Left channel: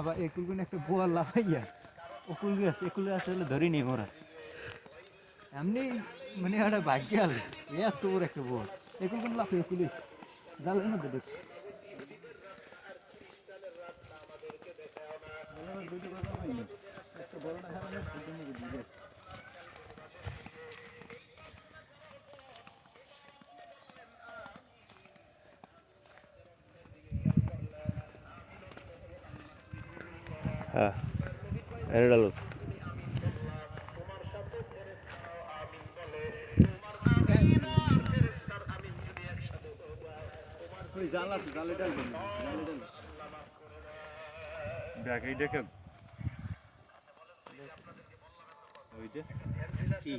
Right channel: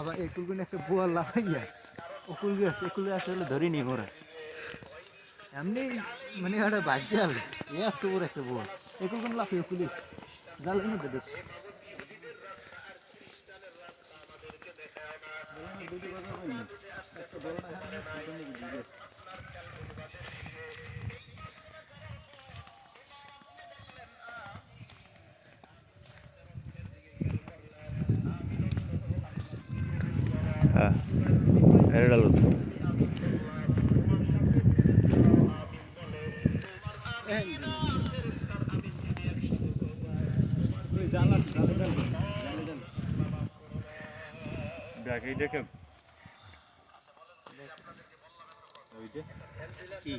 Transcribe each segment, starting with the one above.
আবার একুলগুলো একটা বোয়াল লাগাইয়া একুলে আছে হলো ধরি নি মোরা এমনি মানে একটা ভাগ্য আলো এত বড় একটা বোয়াল একুলগুলো লাফিয়ে পুলিশ জাল এনে দেবে হ্যাঁ এটা লোক দেখেন ওইটা কি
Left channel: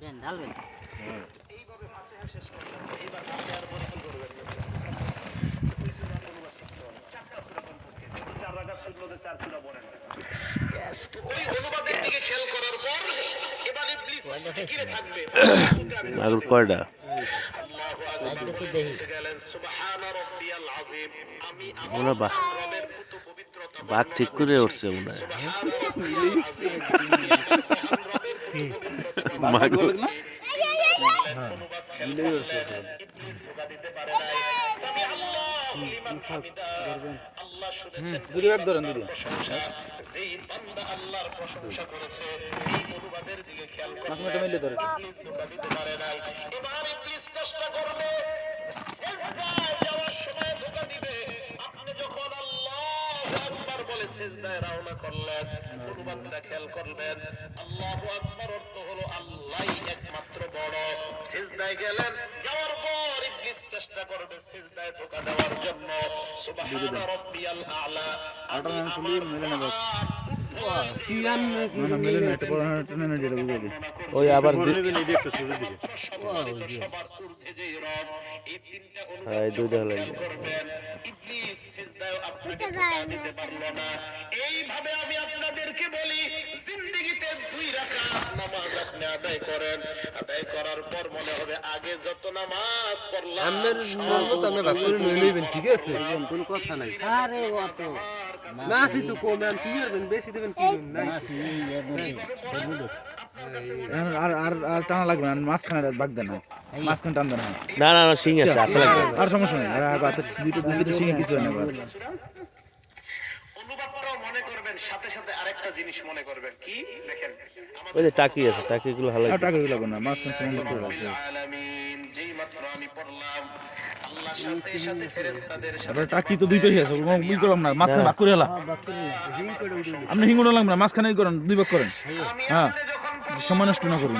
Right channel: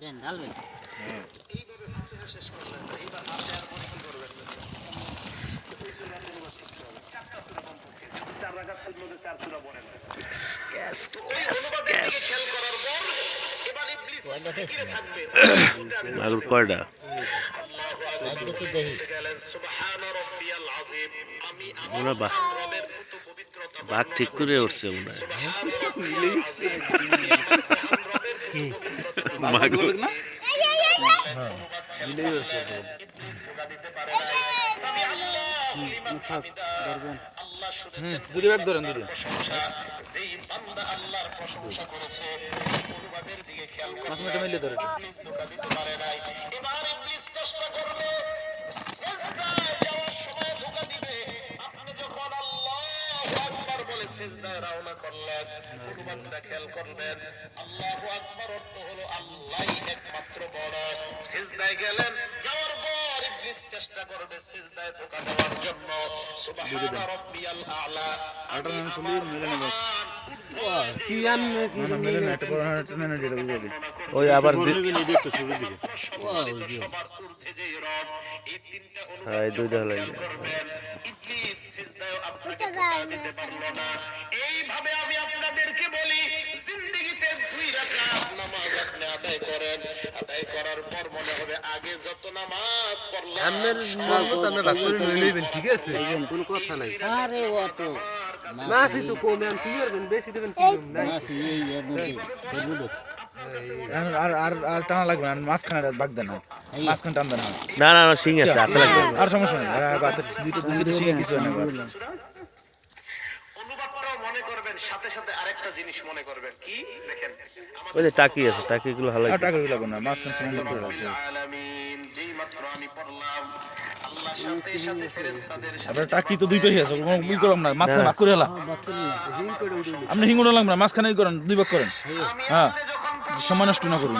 দেন ঢালবেন মাগুর কয়টা মনে হয় বাঘ ঠিক করে উঠছে মনে হয় মাগুর সিজদায় রওনা করলেন কুরবানটা খেয়াল করবেন আল্লাহু আকবার অর্থ হলো আল্লাহই একমাত্র বড় সিজদায় গেলেন যাওয়ার পর ইবলিস চেষ্টা করবে সিজদায় ধোঁকা দেওয়ার জন্য সুবহান রাব্বিয়াল আলা আল্লাহ শুনি মিলনে বাস ওই আবার হ্যাঁ এই দুইটা হলো এইভাবে আমি আপনাদেরকে বলি জিন্দেগিতে 2 রাকাত নামাজ আপনি আদায় করেন আদায় করার পর মনে হবে আগে যত নামাজ পড়লাম আপনার মত আপনি ভাগ করে নিয়ে নেবেন ঠিক আছে কোনো কথা নাই আরে অত মাসি তো কম আমি কি করবেন বেশি দেবেন কি না মাসি এই এর মধ্যে করবো আর টানা লাগবে না মাঝখানে বাগ দেন না মাঝখানে টান দেন না না সিং আছে হাতে লাগবে আর সমস্যা নেই দুটো সিং কিছু না অনুবাদটা মনে করবেন সাথে সাথে আরেকটা জিনিস মনে করবেন কি দেখেন ওই যে টাকি আছে টাকিগুলো হালাই টাকা লাগবে না মাঝখানে সময় লাগবে আলামিন যেই মাত্র আমি পড়লাম আল্লাহর সাথে সাথে ফেরেশতাদের সাথে আরে টাকি তো দুইটাই আছে কোনো ভুল করলাম না মাঝখানে ভাগ করে এলা আপনি হিঙ্গুড়া লাগবে না মাঝখানেই করেন 2 ভাগ করেন হ্যাঁ সময় নষ্ট না করুন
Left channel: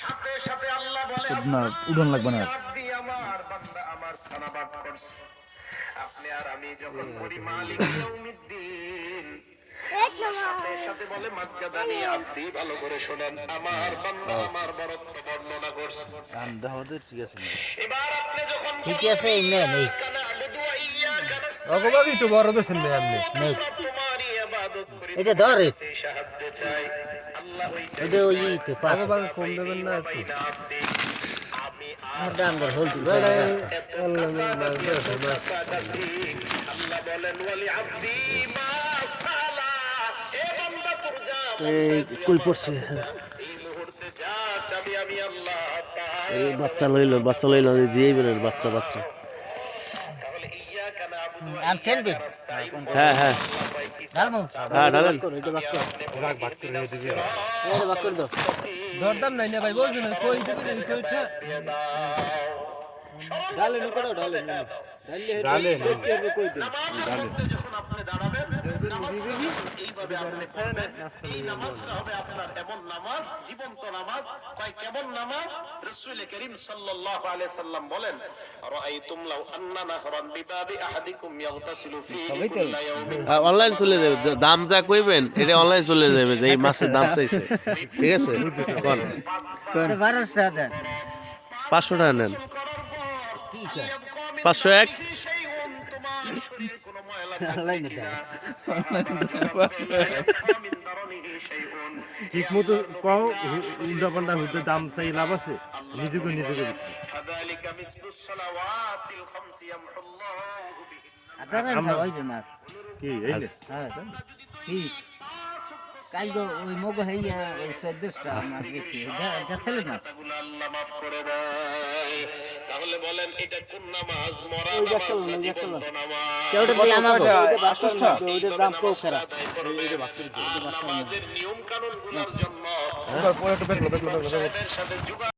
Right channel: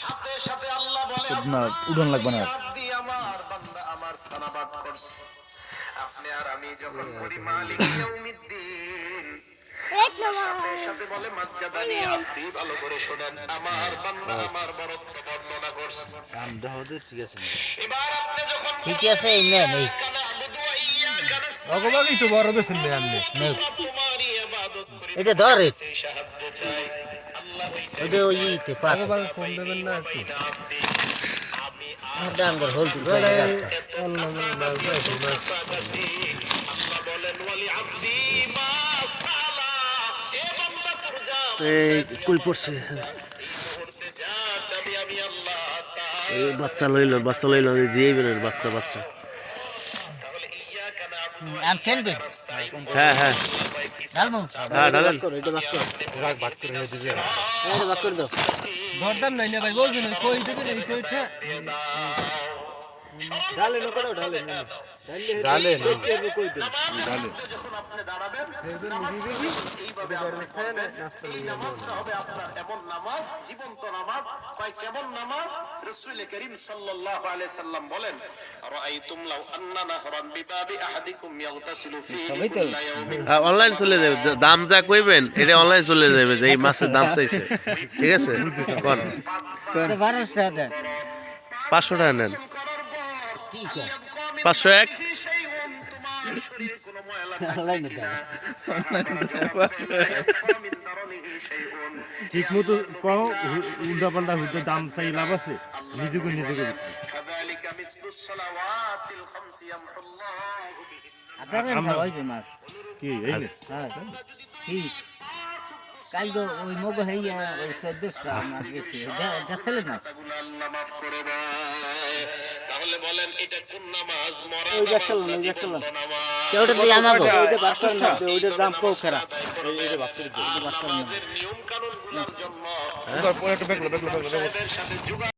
সাথে সাথে আল্লাহ বলে না উড়ন লাগবে না আপনি আমার বান্দা আমার সানাবাদ করছে আপনি আর আমি যখন করি মালিক ইয়াউমিদ্দিন সাথে সাথে বলে মাজ্জাদানি আব্দি ভালো করে শুনেন আমার বান্দা আমার বরত্ব বর্ণনা করছে আমদাহদের ঠিক আছে এবার আপনি যখন ঠিক আছে এই নেন এই অগবাগই তো বড় বেছেন দেন আপনি তোমারই ইবাদত করি এটা ধরে সেই সাহায্য চাই আল্লাহ ওটা ওই ইতে পাত অগবাগ কম দেবেন না একটু আর ডাঙ্গর হল তুই আল্লাহ বলেন ওয়ালি আব্দি মা সালা এ বান্দা তোর যা এই কই পড়ছে এই মুহূর্তে যা চাবি আমি আল্লাহ এই বাচ্চা লইল যে বেরের বাচ্চা তাহলে ইয়াকা নাবুদু আম খেলবে হ্যাঁ হ্যাঁ ডালমু হ্যাঁ ঢালেন এটা বাক কর ভাগ করে দিবে এটা বাক করে দাও দরদাম নাই না ভাই বলছেন কই দেবে না কইটা ডালে না কোড়া ডালে না ডালে না কই দেন ডালে যখন আপনি দাঁড়াবেন নামাজ এইভাবে এই নামাজটা হবে আপনার এমন নামাজ জীবন্ত নামাজ কয় কেমন নামাজ রাসূল করিম সাল্লাল্লাহু আলাইহি সাল্লাম বলেন রাআইতুম লাউ আন্না নাহরান বিবাবি আহাদিকুম ইয়াগতাসিলু ফীহি কুল্লা ইয়াউমিন অনলাইন চলে যাবে দাম যা কইবেন এটা অনলাইন চলে যাবে যে এই মাছের দাম চাইছে ঠিক আছে কোন এটা 12 টাকা দেন 500 টাকা নেন কি কর 501 সেই হন তোমার শরীর কোনো ময়লা অনলাইন দেন ঠিক মতো কও উল্টা পাল্টা হতে দাম চাই লাভ আছে নিজেকে ভিতরে ফাযালিকা মিসলুস সালাওয়াতিল খামসি ইয়ামহুল্লাহু বিহিন। আদারেন হইবে মাছ কি এই নে? হ্যাঁ কি কাল তো ওই মগো হইয়া ওই 14টা মাছ গেছে দেখছিলেন মাছ আল্লাহ মাফ করে দেয়। তাহলে বলেন এটা কোন নামাজ? মরা নামাজ না জীবন্ত নামাজ? কেউটা দিয়ে আমাগো ওইটার দাম কম খারাপ নামাজের নিয়ম কানুন গুলোর জন্য পরে একটু বেগলো সাথে